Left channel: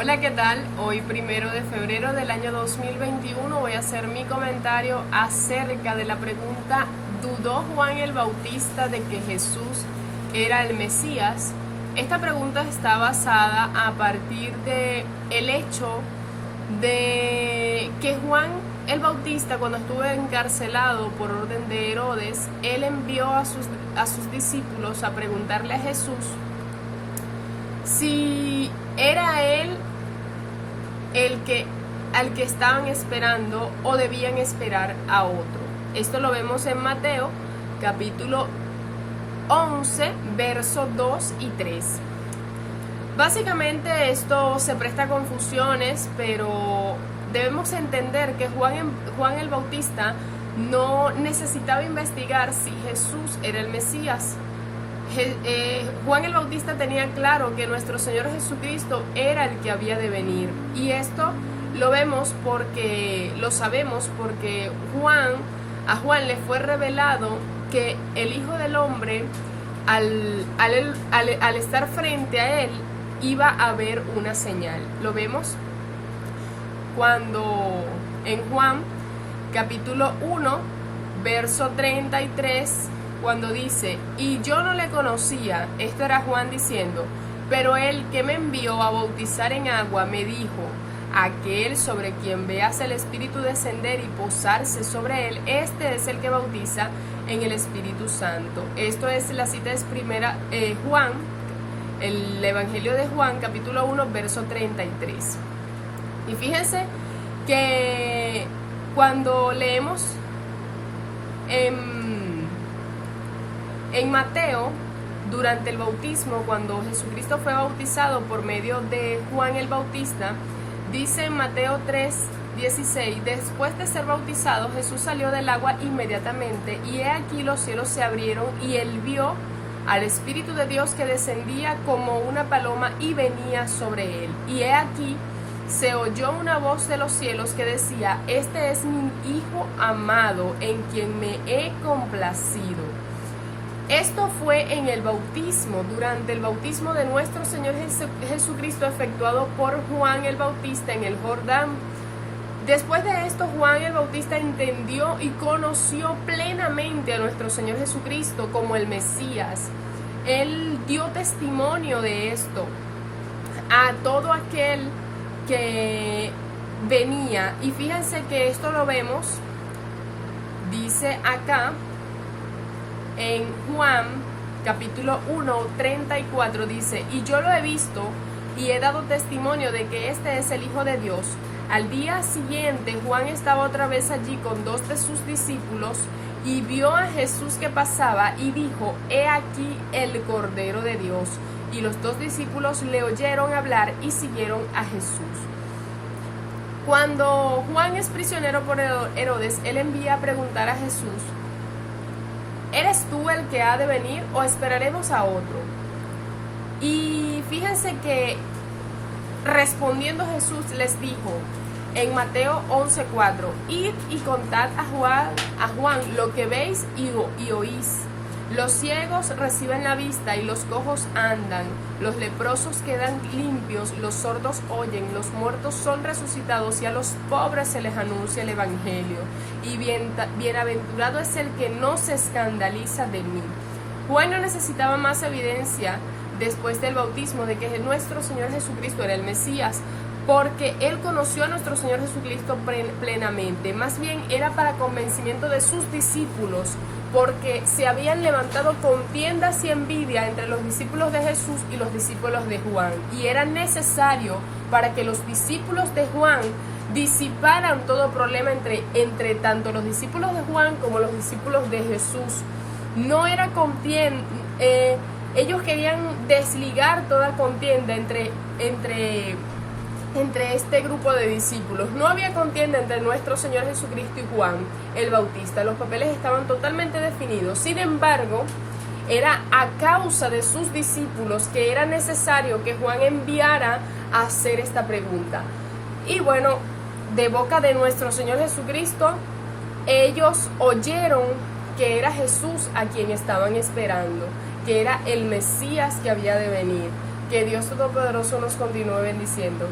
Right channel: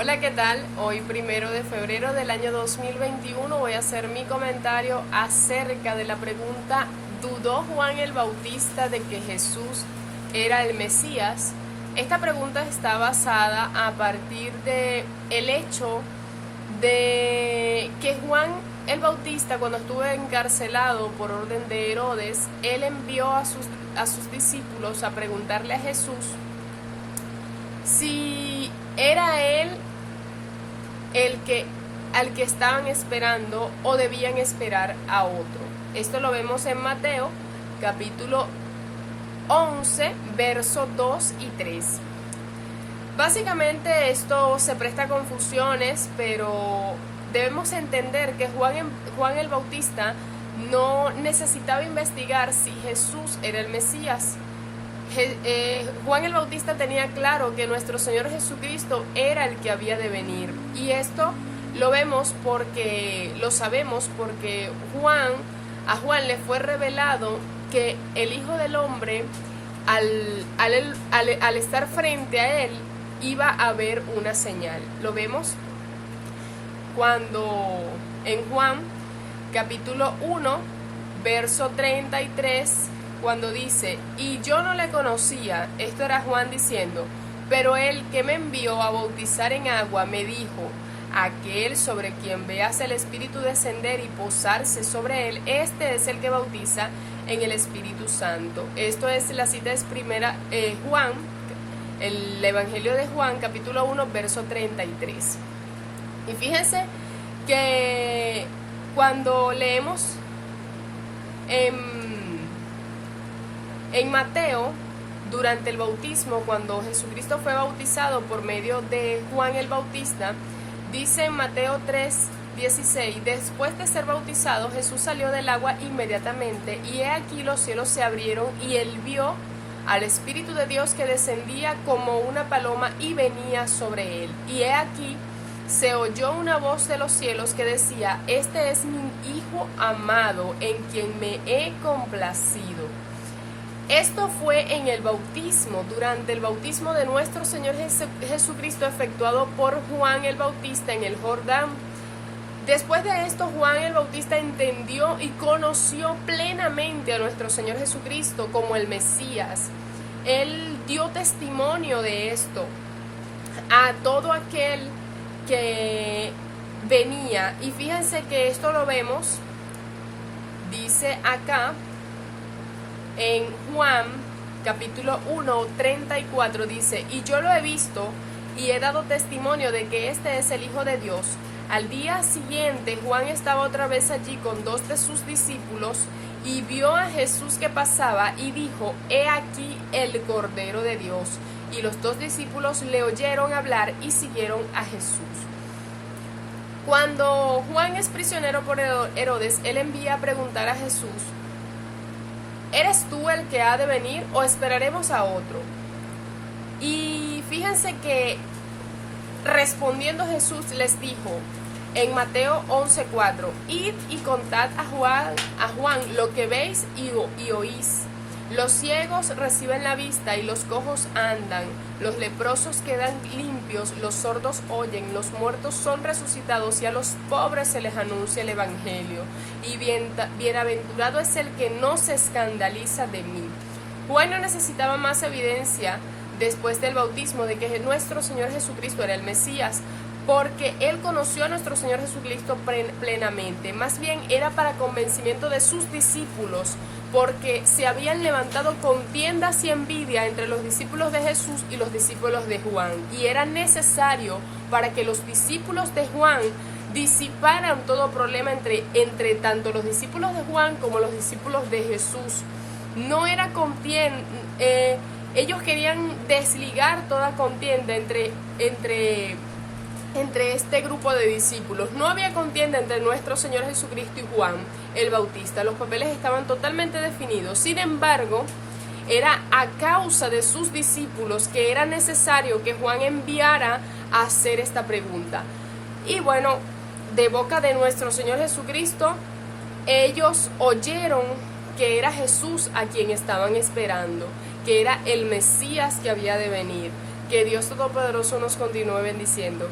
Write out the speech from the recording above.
Hola, ¿qué tal? Hoy, 1 de febrero del año 2021, voy a hacer mi comentario acerca de la pregunta: ¿dudó Juan el Bautista de que Jesús era el Mesías? Esta pregunta está basada a partir de el hecho de que Juan el Bautista, cuando estuvo encarcelado por orden de Herodes, él envió a sus discípulos a preguntarle a Jesús si era él al que estaban esperando o debían esperar a otro. Esto lo vemos en Mateo capítulo 11, versos 2 y 3. Básicamente esto se presta a confusiones, pero debemos entender que Juan el Bautista no necesitaba investigar si Jesús era el Mesías. Juan el Bautista tenía claro que nuestro Señor Jesucristo era el que había de venir, y esto lo sabemos porque a Juan le fue revelado que el Hijo del Hombre, al estar frente a él, iba a ver una señal. Lo vemos cuando en Juan capítulo 1 verso 33, cuando dice: y yo no le conocía. Esto era Juan diciendo: pero el que me envió a bautizar en agua me dijo: aquel sobre quien veas el Espíritu descender y posarse sobre él, este es el que bautiza en el Espíritu Santo. Esto es, la cita es Juan, el Evangelio de Juan, capítulo 1, verso 33. Y fíjense que cuando leemos en Mateo, durante el bautismo, cuando Jesucristo fue bautizado por medio de Juan el Bautista, dice en Mateo 3:16: después de ser bautizado, Jesús salió del agua inmediatamente, y he aquí los cielos se abrieron, y él vio al Espíritu de Dios que descendía como una paloma y venía sobre él. Y he aquí se oyó una voz de los cielos que decía: este es mi Hijo amado, en quien me he complacido. Esto fue en el bautismo, durante el bautismo de nuestro Señor Jesucristo, efectuado por Juan el Bautista en el Jordán. Después de esto, Juan el Bautista entendió y conoció plenamente a nuestro Señor Jesucristo como el Mesías. Él dio testimonio de esto a todo aquel que venía. Y fíjense que esto lo vemos, dice acá en Juan capítulo 1, 34, dice: y yo lo he visto y he dado testimonio de que este es el Hijo de Dios. Al día siguiente, Juan estaba otra vez allí con dos de sus discípulos, y vio a Jesús que pasaba, y dijo: he aquí el Cordero de Dios. Y los dos discípulos le oyeron hablar y siguieron a Jesús. Cuando Juan es prisionero por Herodes, él envía a preguntar a Jesús: ¿eres tú el que ha de venir o esperaremos a otro? Y fíjense que respondiendo Jesús les dijo en Mateo 11:4: id y contad a Juan lo que veis y oís. Los ciegos reciben la vista y los cojos andan, los leprosos quedan limpios, los sordos oyen, los muertos son resucitados, y a los pobres se les anuncia el Evangelio. Y bienaventurado es el que no se escandaliza de mí. Juan no necesitaba más evidencia después del bautismo de que nuestro Señor Jesucristo era el Mesías, porque él conoció a nuestro Señor Jesucristo plenamente. Más bien era para convencimiento de sus discípulos, porque se habían levantado contiendas y envidia entre los discípulos de Jesús y los discípulos de Juan, y era necesario para que los discípulos de Juan disiparan todo problema entre tanto los discípulos de Juan como los discípulos de Jesús. No era contienda, ellos querían desligar toda contienda entre este grupo de discípulos. No había contienda entre nuestro Señor Jesucristo y Juan el Bautista. Los papeles estaban totalmente definidos. Sin embargo, era a causa de sus discípulos que era necesario que Juan enviara a hacer esta pregunta. Y bueno, de boca de nuestro Señor Jesucristo, ellos oyeron que era Jesús a quien estaban esperando, que era el Mesías que había de venir. Que Dios Todopoderoso nos continúe bendiciendo.